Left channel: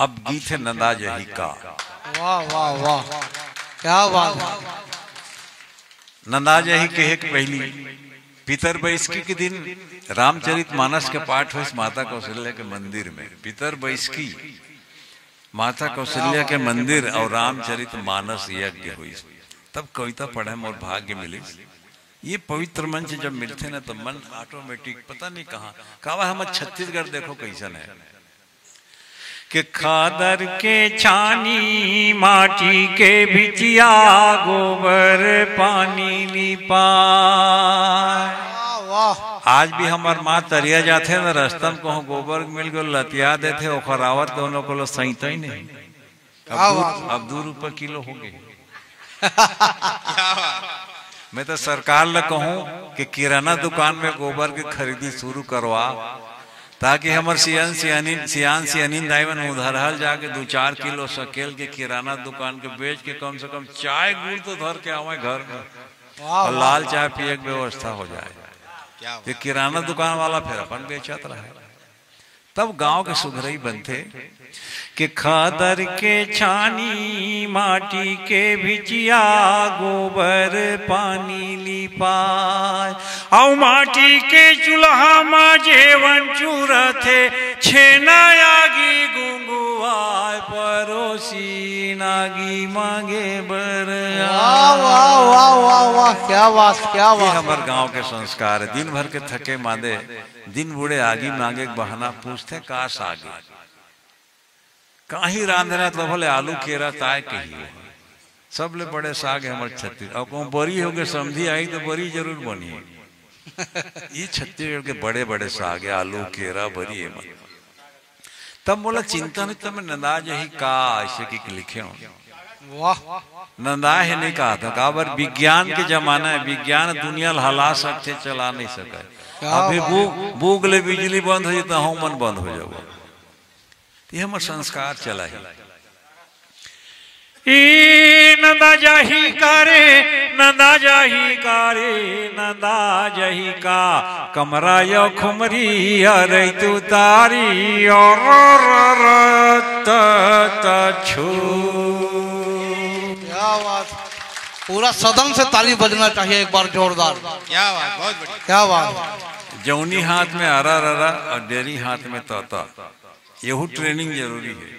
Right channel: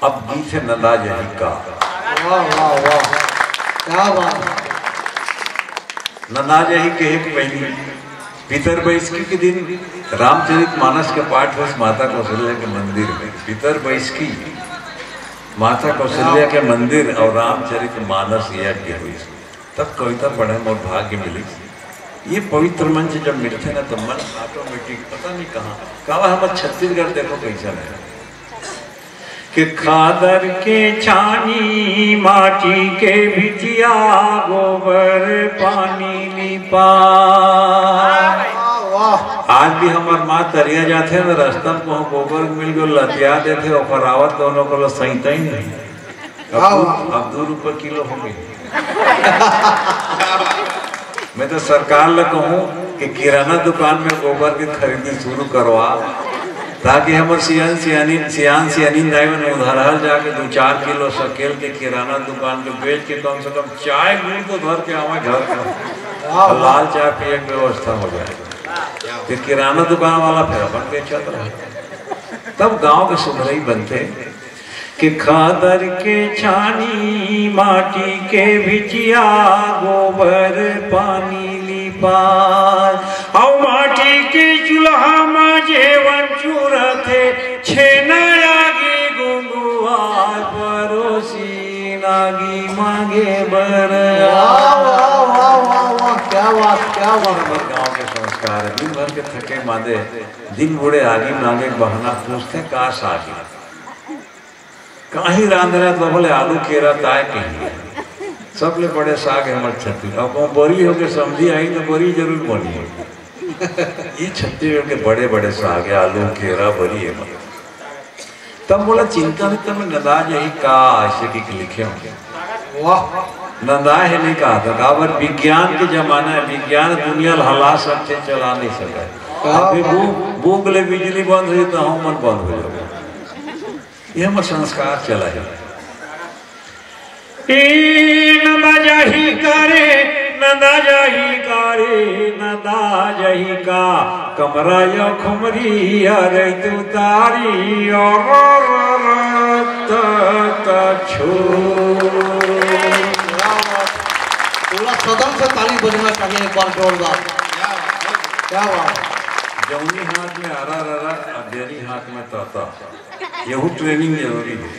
अब गीत है नंदा यही का। वाह वाह वाह, क्या बात है। नंदा यही के एक पहली पितरबैसकी के दिन रामचरितमानस के पाठ हुए माता कौशल्या के मंदिर में। पितरबैसकी माता कौशल्या के मंदिर और रामचरितमानस यज्ञ हुई, तब कविता पढ़े और भाग्य मिली। ये पवित्र मंच जब मिलते ना तो मन ऑटोमेटिक पता नहीं कहाँ हमारे छत्तीसगढ़ देखो कैसा है कि खादर के छानी माटी के बिटिया गोबर पानी लिपा। आज भी हमारे माँ दरिया जाते हैं तो रास्ता में गोबर मिल गए लतिया देते और फरावत दोनों को सहीता ही नहीं। अब 2 रुपये किलो हो गए। मैं तो सरकार ले कहूँ कि किराना दुकान में गोबर की खरीदी शुरू करवा, ताकि हम सियान सियानी दाइवन उधर जाके 2-4 किलो शकेल के किराना दुकान में बेच के कम से कम चाय गुड़ तो भर के आवे घर का लाल चाय पिए की व्यवस्था हो जाए। फिर किराना दुकान वाला फिर अपन बेचता रहे, तब गांव के सुधरई बनते कि खादर के छानी माटी के बिचिया गोबर पानी लिपाय। और माटी के चूल्हा में जेवन चूरथे छेना आगे गुंगुआ परोसी नागी मांगे बर। वाह वाह वाह वाह वाह, क्या बात क्या बात। हमारे गांव के संस्कार है। दिन भर के थके मादे दिन बुढ़े आगे मांगे बहना पूछते काश आगे कहीं रांधना तो बोले आलू केरा काय कहीं सब ले बड़े साग हमारे छत्तीस। अब वो बड़ी होके समझी आई तो बड़ी जरूर बनी है। ये छत्तीसगढ़ के बड़े बड़े साग है, आलू केरा बड़ी है। तब बोला चिंता नहीं तब नंदा यही का ऐसे की लिखे होंगे। वाह, नंदा है नहीं कहा था काबर विज्ञान के जमाना है, विज्ञान दुनिया हला सबसे चला नहीं सका। भूख ले बिजली बंद हो तो हम मन बंद हो जाएगा। ये हम संस्कार चला है। नंदा जही करे नंदा जही करे नंदा जही का कमरा यो खुमरी अरे तू तारी और छू। पूरा सदन से ताली बजना चाहिए एक बार जोरदार। क्या बात। जौनी हाथ में हरा ररा और डेरी हाथ में तोता, यही ट्रेनिंग जरूरी है।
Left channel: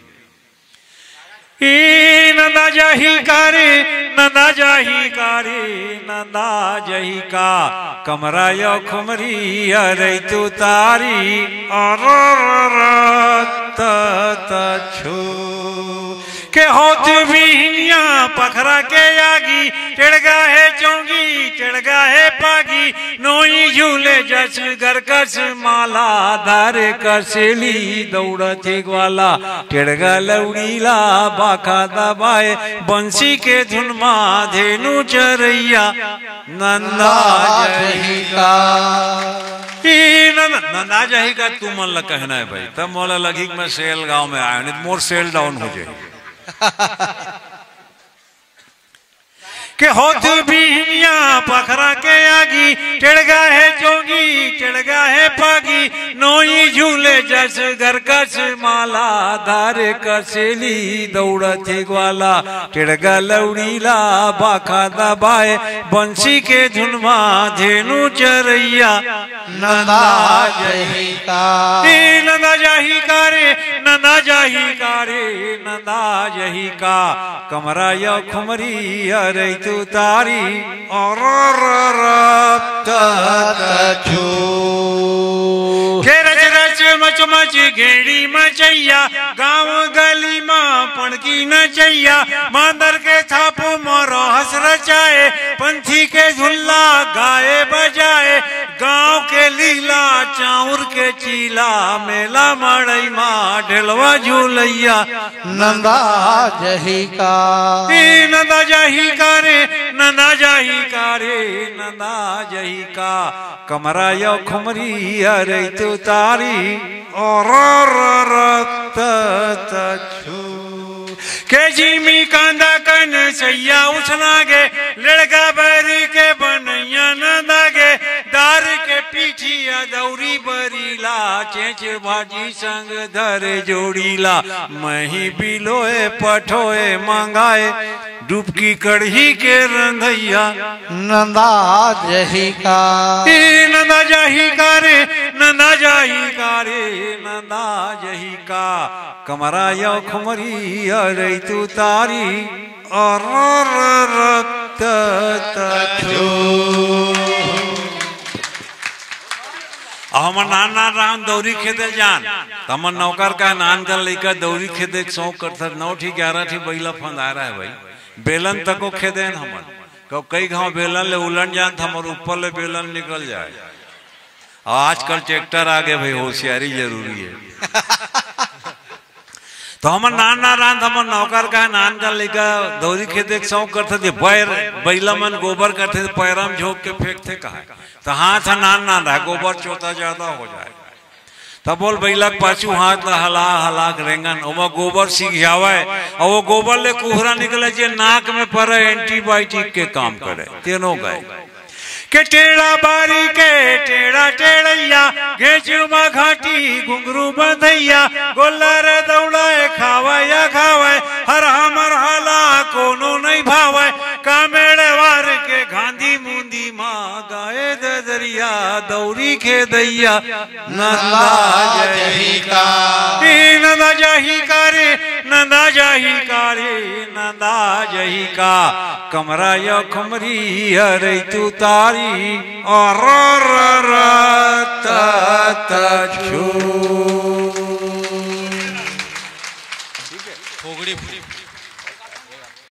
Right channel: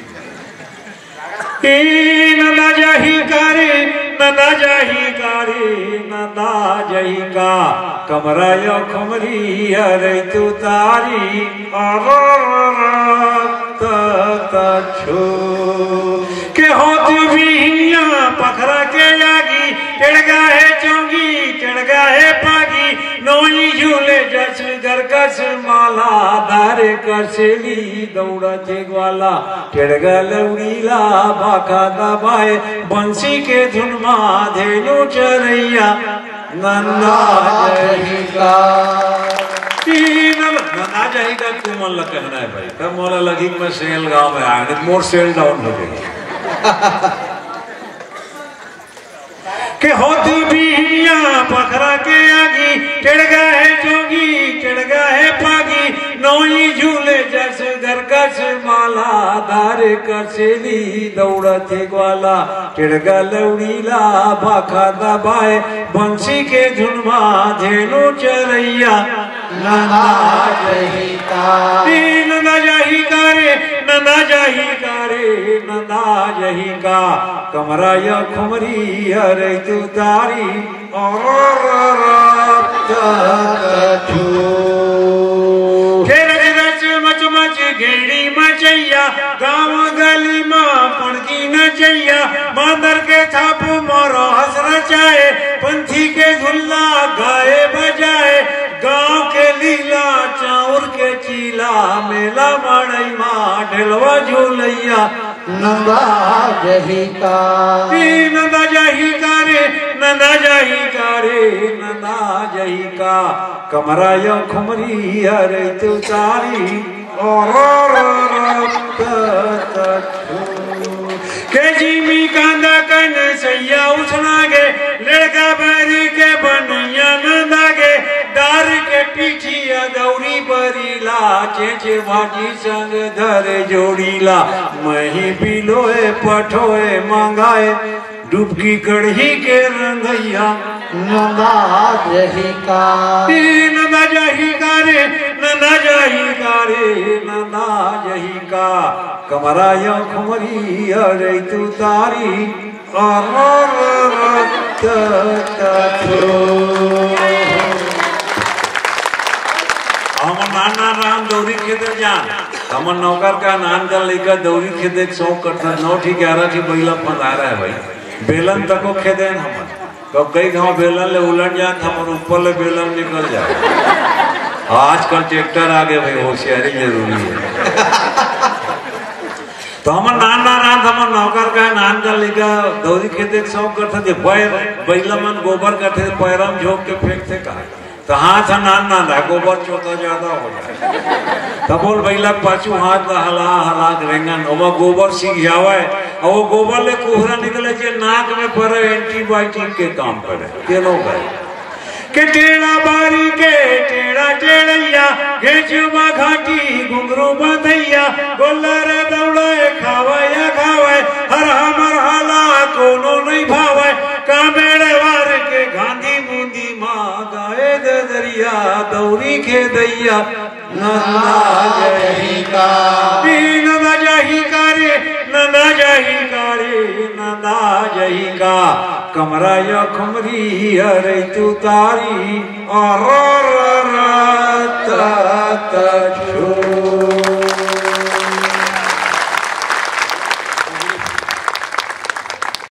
नंदा जही करे नंदा जही करे नंदा जही का कमरा यो खुमरी अरे तू तारी और छू के होत बिहिया पखरा के आगी टेढ़गा है चोंगी टेढ़गा है पागी नोई झूले जच गरकस माला दार कसली दौड़ते ग्वाला टेढ़गा लौड़ीला बाखा दबाए बंसी के धुन मा धेनु चरैया नंदा जही का। नंदा जही का तू मन लग कहना है भाई, तब मोला लगी मैं सेल गांव में आने मोर सेल डाउन हो गई के होत बिहिया पखरा के आगी टेढ़गा है चोंगी टेढ़गा है पागी नोई झूले जस गरकस माला धार कसली दौड़ते ग्वाला टेढ़गा लौड़ीला बाखा दबाए बंसी के धुनमा धेनु चरैया नंदा जही का। नंदा जही करे नंदा जही करे नंदा जही का कमरा या खुमरी अरे तू तारी और घेड़ी मचैया गाँव गली माँ पड़की नचैया बांदर के थाप मोरो हंस रचाए पंथी के धुल्ला गाए बजाए गाँव के लीला चाउर के चीला मेला माड़ई माँ ढेलवा झूलैया नंदा जही का। नंदा जही करे नंदा जही करे नंदा जही का कमरा यो खुमरी अरे तू तारी और के जीमी कांदा कन सैया उछना गे लड़का बरी के बनैया नंदा गे दार के पीछिया दौड़ी बरीला चे जे भाजी संग धरे जोड़ीला मही बिलोए पठोए मंगाए डुबकी कढ़ी के रंगैया नंदा जही का नंदा जही का रे नंदा जही का रे नंदा जही का कमरा या खमरी अरे तू तारी हमर नाना राम दौरी खेते जान हमर नौकर का नान का लेकर दौरी खेते 100 करता 9 ठीक 11 की बैला पधारा है भाई बेलन तक को खेते हम तो कई गांव बेलन ले उलट जात हमर ऊपर ले बेलन निकल जाए आजकल ट्रैक्टर आ गए भाई होशियारी जरूरी है तो हमर नाना रात हमर नौकर का नान का लेकर दौरी खेते 100 करता थे बैला मन गोबर करते थे पैरम झोंक के फेंकते का तो हाथ नान ना था गोबर छोटा ज्यादा हो जाए तो बोल बैला पाछू हाथ हला हला रहना वो गोबर सीख जावे और वो गोबर ले कोहरा निकले जे नाक में पड़े एंटीबायोटिक के काम करे तेरो गए के टेढ़ा बारी के टेढ़ा टेढ़ैया गेजुमा घाटी घुंघरू बंधैया गोलर दौड़ाए खावे हराम हाला कोनो नहीं भावे कामेड़े वार के गांधी बूंदी माँ गाए दे दरिया दौरी के दैया नंदा जही का नंदा जही का रे नंदा जही का रे नंदा जही का कमरा या कमरी अरे तू तारी और